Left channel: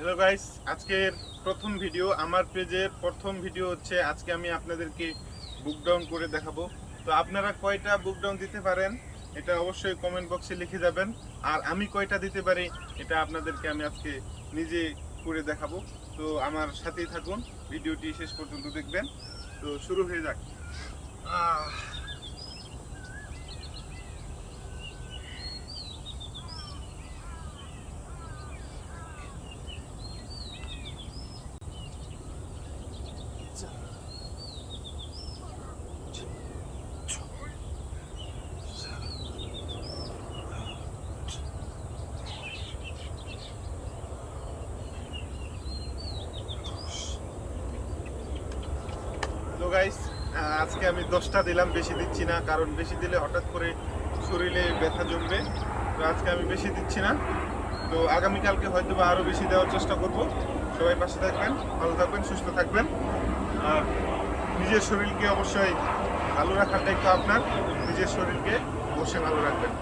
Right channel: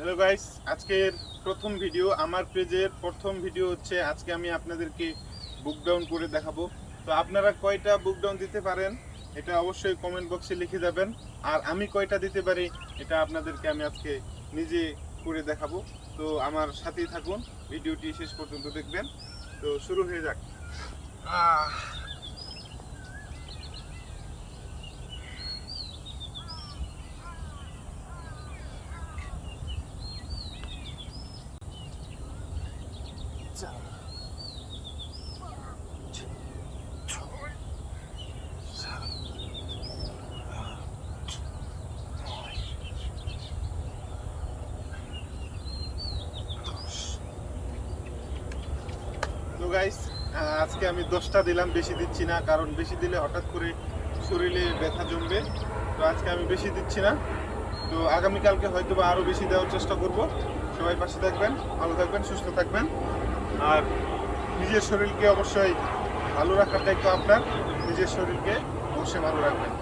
Hello guys, আজকের প্রথম video আমার পেজের প্রথম ভিডিও হচ্ছে। আজকে আমি আপনাদেরকে বুক ডাউন করে দেখাবো। তো আপনারা কয়টা বুক ডাউন দিতে পারেন এটা অবশ্যই কমেন্ট বক্সে লিখে যাবেন। আর আমি কয়টা দিতে পারি এটা আপনাদেরকে আমি আজকে নিজে করে দেখাবো। তো আমার সাথেই থাকুন, ভিডিওটি শেষ পর্যন্ত দেখবেন। তো শুরু হয়ে যাক। তো গাইস, আজকে আমি 10টা দিলাম, বেশি দিচ্ছি না, কারণ বেশি দিলে হঠাৎ করে শরীরে ব্যথা জমবে। তো আজকে আমি বেশি দিচ্ছি না। তো আগামীকালকে হয়তো বা আরও বেশি দেওয়ার চেষ্টা করব। সবাই পাশে থাকবেন, ভালো থাকবেন, সুস্থ থাকবেন। আর নিজের শরীরকে অবশ্যই ভালো রাখার দায়িত্ব আপনার। নিজের শরীরকে অবশ্যই ভালো রাখবেন।